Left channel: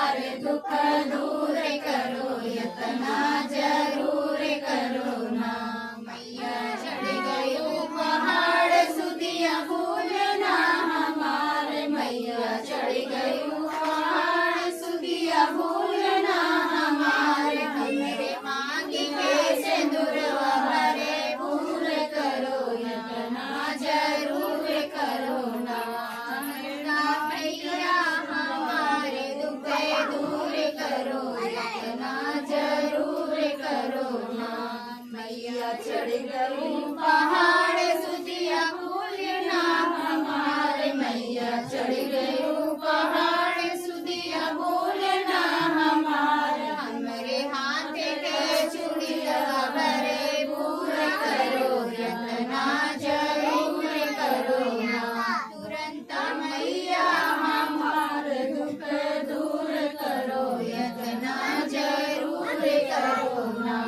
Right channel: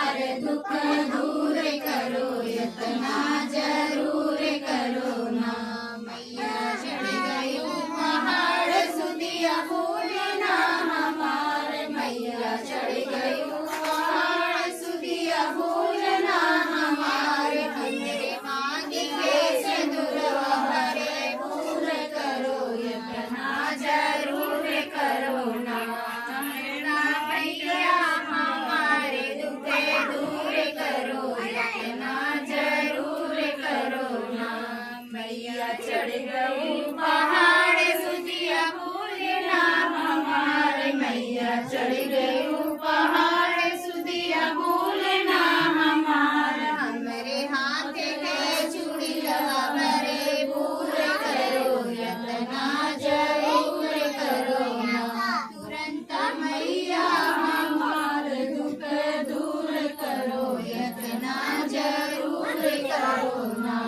दुख दूर करो यतना जरूर करो ना। मैया चढ़ गयो पहाड़ सुदिया भूलना हमार। मैया चढ़ गयो पहाड़ सुदिया भूलना हमार। हमरे मांग के सिंदूरवा हरे पूर करो यतना जरूर करो ना। मैया हमारे दुख दूर करो यतना जरूर करो ना। मैया चढ़ गई पहाड़ सुदिया भूलना हमार। मैया चढ़ गई पहाड़ सुदिया भूलना हमार। हमरे हाथ के चूड़िया भरे पूर करो यतना जरूर करो ना। तुरंत मैया हमार दुख दूर करो यतना जरूर करो ना।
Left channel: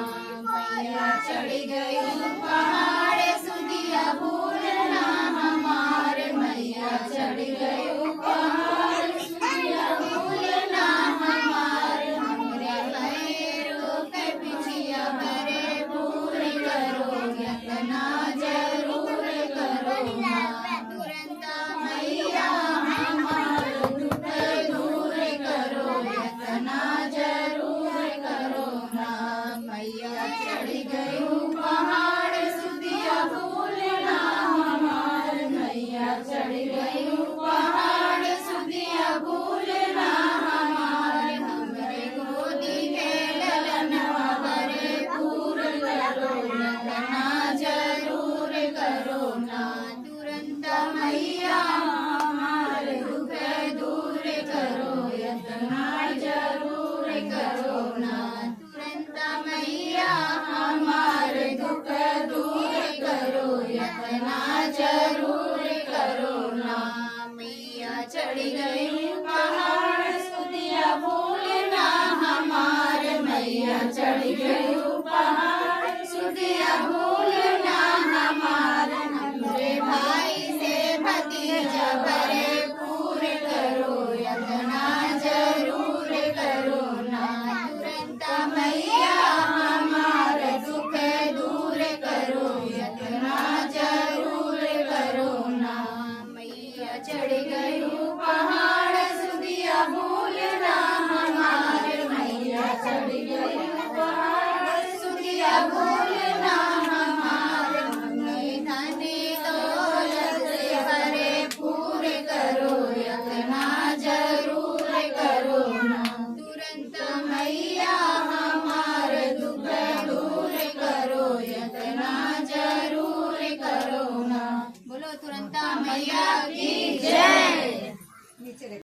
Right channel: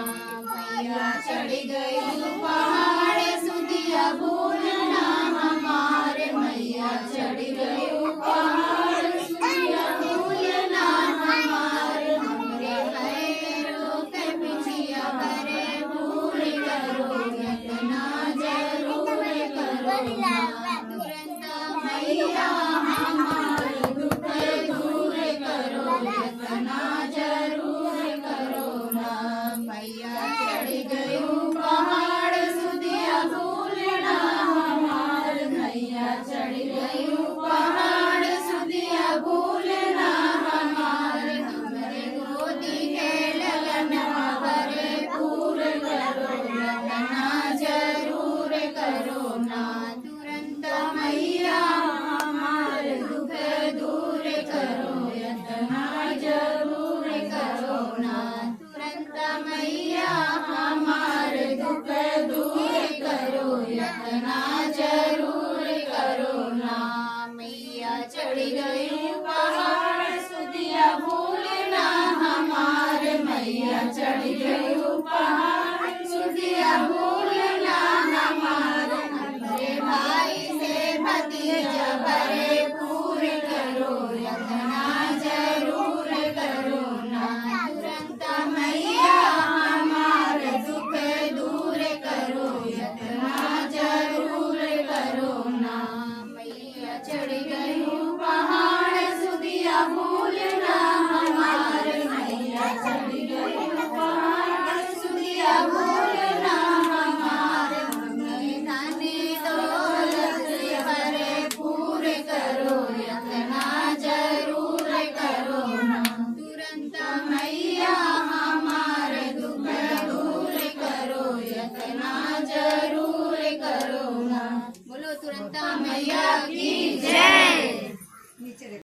मैया चढ़ गई पहाड़ सुदिया भूलना हमार। मैया चढ़ गई पहाड़ सुदिया भूलना हमार। हमरे पैरों के पिछिया भरे पूर करो यतना जरूर करो ना। तुरंत मैया हमार दुख दूर करो यतना जरूर करो ना। मैया चढ़ गई पहाड़ सुदिया भूलना हमार। मैया चढ़ गई पहाड़ सुदिया भूलना हमार। हमरे गोदी के ललनवा भरे पूर करो यतना जरूर करो ना। तुरंत मैया हमार दुख दूर करो यतना जरूर करो ना। तुरंत मैया हमार दुख दूर करो यतना जरूर करो ना। मैया चढ़ गई पहाड़ सुदिया भूलना हमार। मैया चढ़ गई पहाड़ सुदिया भूलना हमार। हमरे भाई से भतीजा भरे पूर करो यतना जरूर करो ना। तुरंत मैया हमार दुख दूर करो यतना जरूर करो ना। मैया चढ़ गई पहाड़ सुदिया भूलना हमार। मैया चढ़ गई पहाड़ सुदिया भूलना हमार। हमरे धनी दौलत से भरे पूर करो यतना जरूर करो ना। तुरंत मैया हमार दुख दूर करो यतना जरूर करो ना। बोलो तुरंत मैया की जय।